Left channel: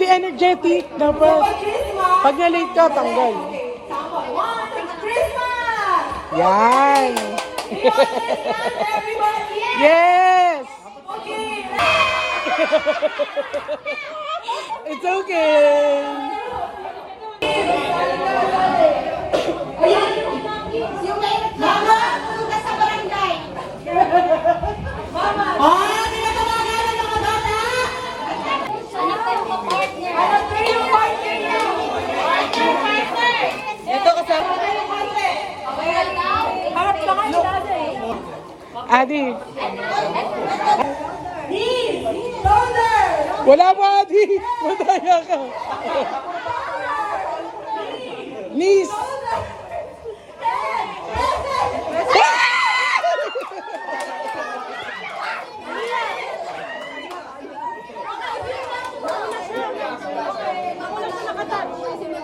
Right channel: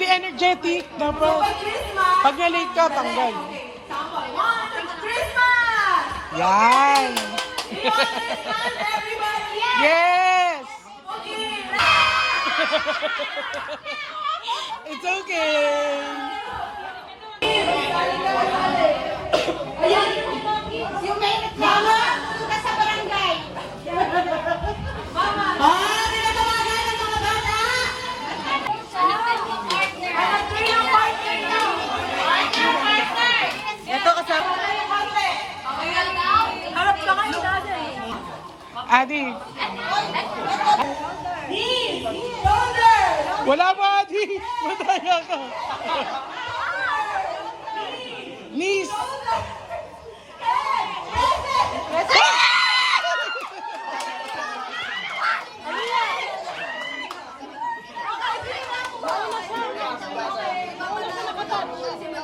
Adi energetic. Dapat. Pag na-late ka, tanggal. Christmas! Yan. Yes! It's okay. Mama, suka sa barangay. Mama. Tinatawagan ng mga bata. Ano pa yung partner? Ano pa yung partner niya? Partner. Ito kasama. Harap ka kayo dati. Adi. Knee. Shoulder. Wala pa, Adi. Madaya ka. Knees.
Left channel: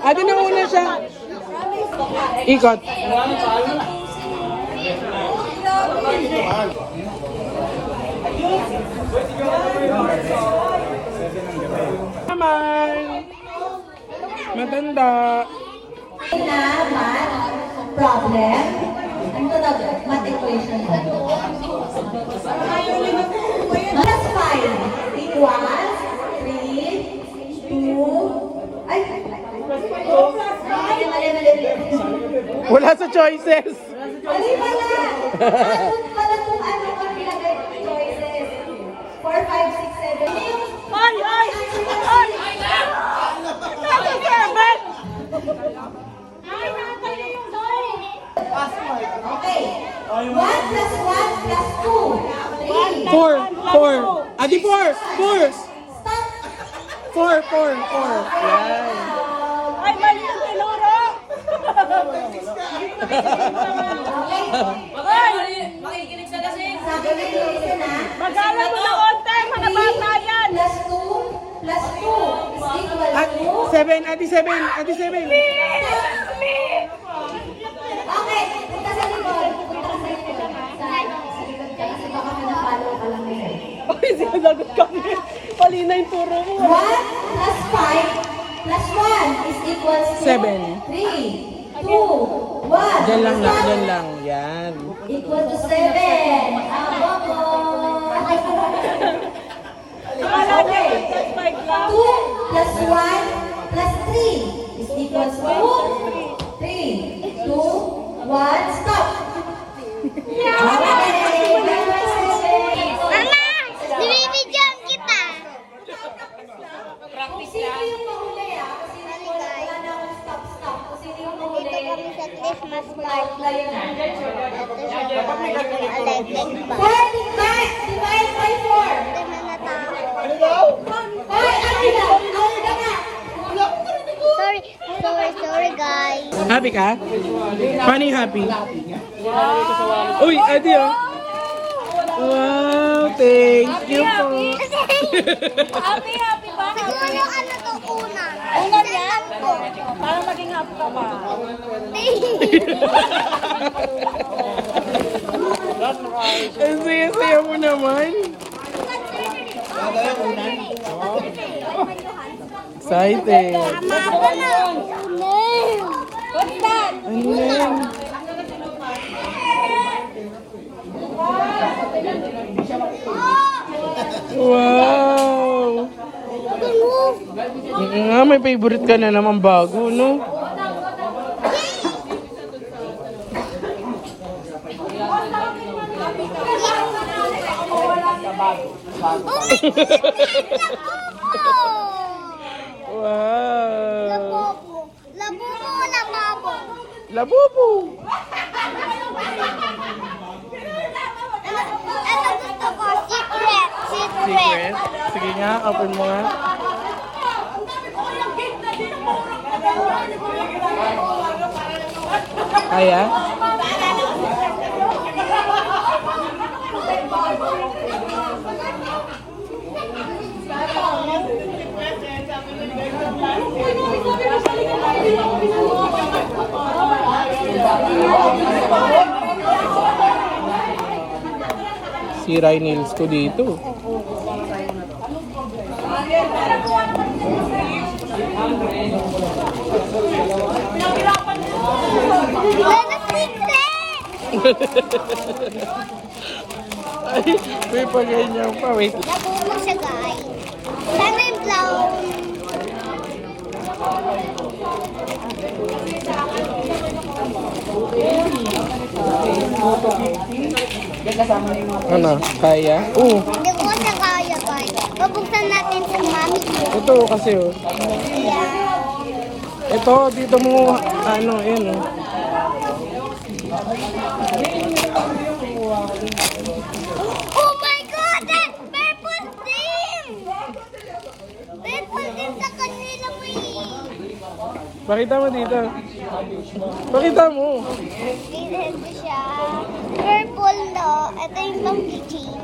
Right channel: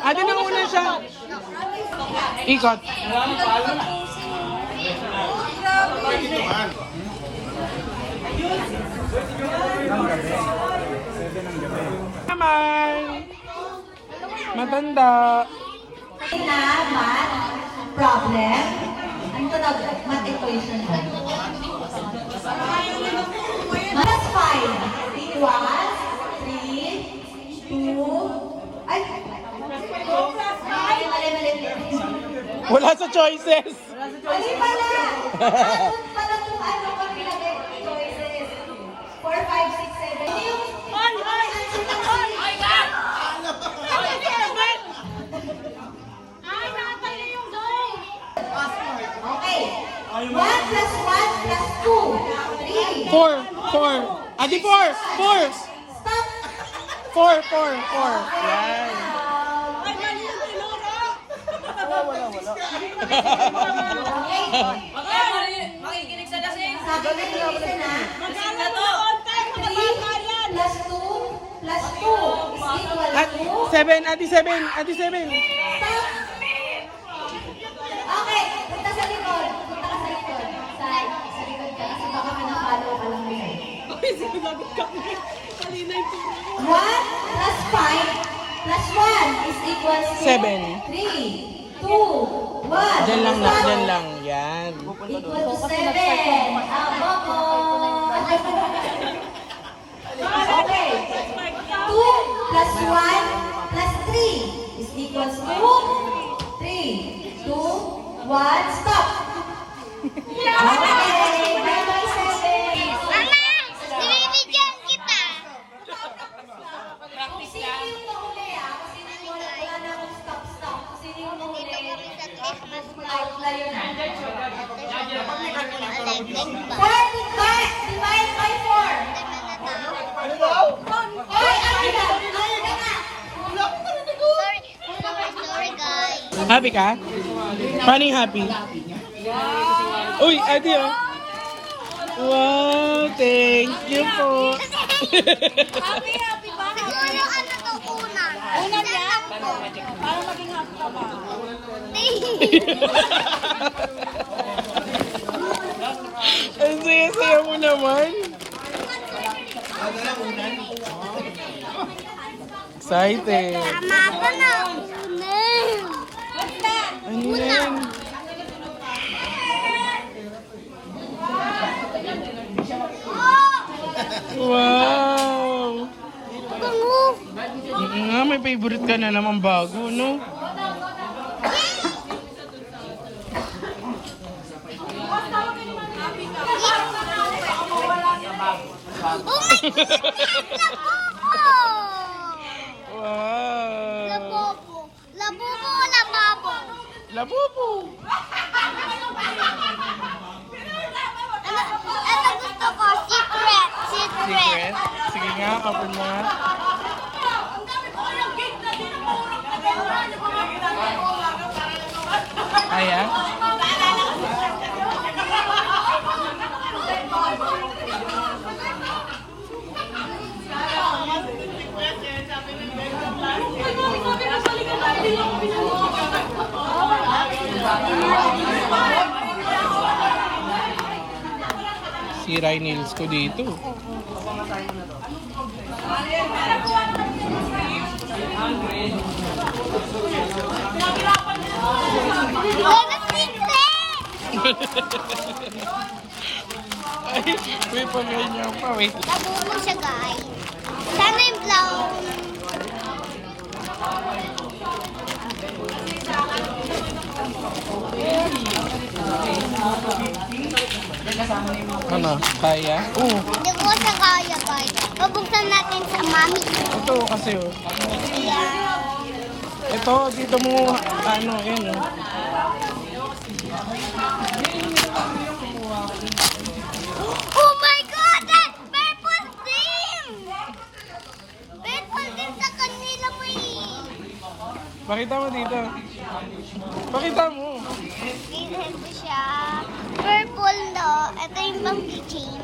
Adi na una siya. Ikot. Naman. Matanda. Na math problem. Ano tawag? Math equation. Plus 5 equals 3, 2, ay, 2 plus 5. Wala sa choices. Mali pala. Pala kung ano ang pinagay choices. 4, 5, 6, 7. Ay! Ay! Ay! Ay, nakatali yung doy. Okay. 1 plus 1 plus 2. 3. 4. Adi 4. 4. Stop. 4. Yan. Ay, mali yung tinuro. Makikinig sa lasing. Sabi ko yung isa na. Mag-aaral mo na konti. Mga bata yan. Plus 2 plus 2 is equal to. 7. Adi 7. Adi 7. Okay, punta sa likod. Punta ka sa likod. Sa likod ka. Kasi baka pinapalo ka lang ngayon. Ay, sinasagot kami. Pali na yung turo mo. 1 plus 5 plus 1 is equal to 7. 3, 2, 1. Diyan lang na, diyan lang. Yan. Equal to 7. Abo ko. Okay. 2 plus 1 plus 3 is equal to 3, 2, 1, stop. Okay. Mama, binibigyan kita. Kung sino yung mahuli, kung sino yung wala na akong stop. Kung sino yung mahuli, Dito kami sa Christmas party. Divide by 4. Dami na tao. Sorry guys. Happy ka? Paano yung happy? Uy, Adi oh. Wow, thank you po. Happy ba? Siguro ano to una? Una lang ko. Para maging happy ka pa. Ang saya-saya mo naman. Excited. Tama ko na. Ano na yan? Wow! Bango. Nga, may favorite ka na naman bago, no? Wow! Labobo. Labobo o lababo? Labubu! Ano gusto ko? Secret. Secret? Sige nga, open mo nga. Aya? Sira yung nails ko dito. Wala secret! Ay, may paganyan pa. Wait. Nabuo siya, guys. Sana yung brown. Ano? Kaya? Oo. Hindi ko siya kaya, guys. Pabuksan natin sa mami. Ito kasi oh. Ayan. Ito, dito mo, ano, yun oh. Oh my God! That's purple team! Purple team sa kanila mo Pakita mo dito. Pakita mo. Ito siya. Purple, no? Ito yung pang team.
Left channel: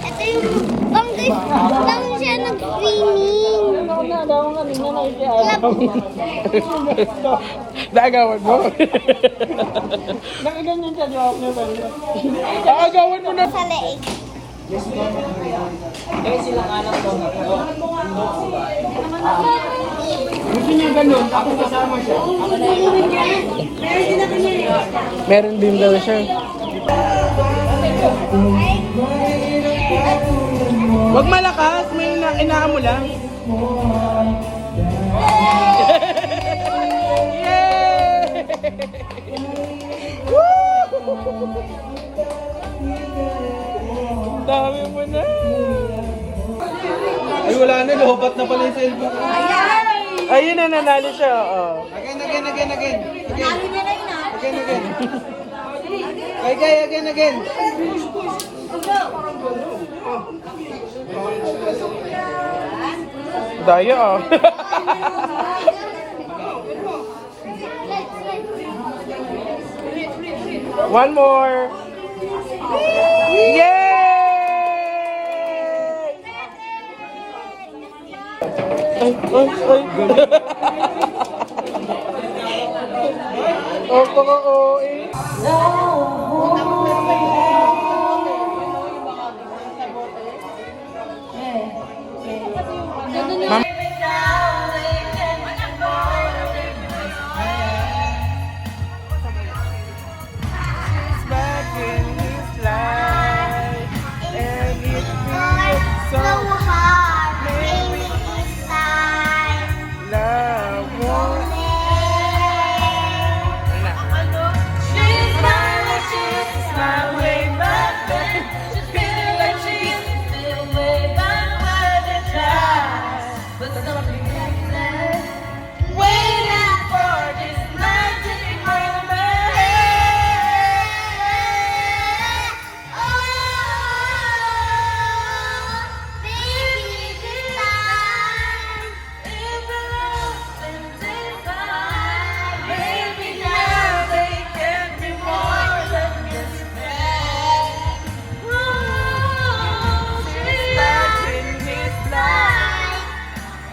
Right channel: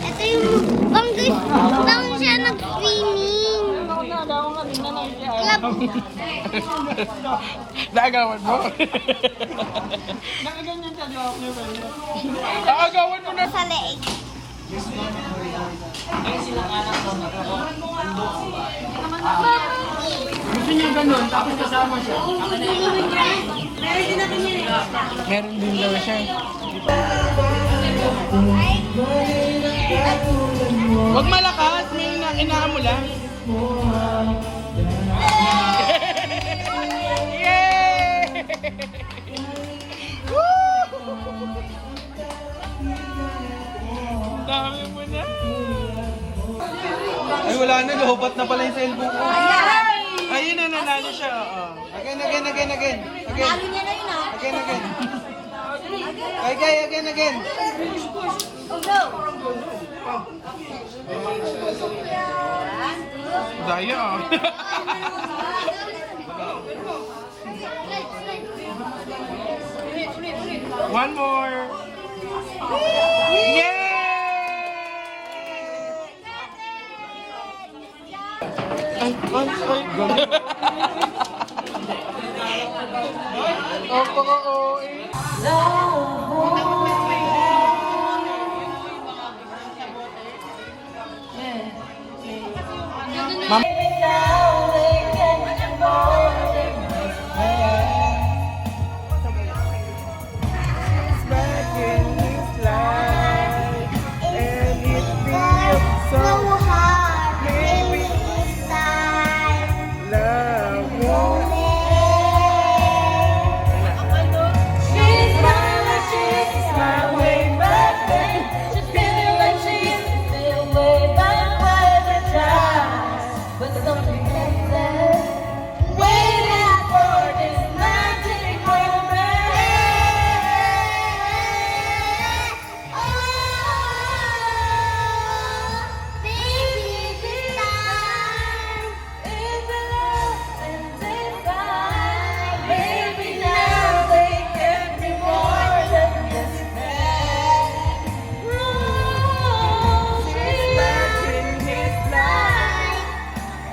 Ito yung pang siya nag-swimming. Naagawan mo. Naagawan mo na. Sa leeg. Gusto niya ganun, tapos kasama siya. Meron din daw siya. Huwag malakas, may inaan mo lang. Yay! Dami mo na. Ay, wala na. Lobat na pala yung cellphone. Ayun na, nanalo siya. Oh. Again. Nalo niya na yun, ah. Again. Daya ah. One more. Yay! Ay. Oo eh. Back in his life, and it feels so hard. Maybe this time. love won't She's my way back then. She feels like she's still way back where the time. But something happens. Waiting for this magic moment. Oh, baby, this time is the love and divine. Baby, now they can't be more than just friends. She's back in his life,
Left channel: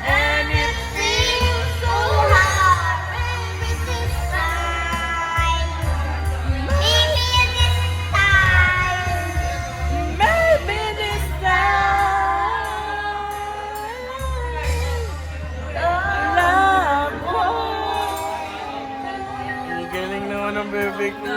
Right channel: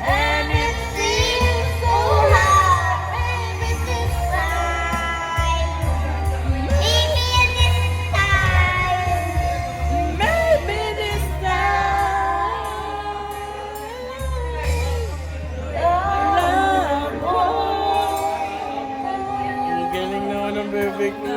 and it seems so hard. Baby, this time, maybe this time, maybe this time, love won't. Ang galing naman ng bebe ko.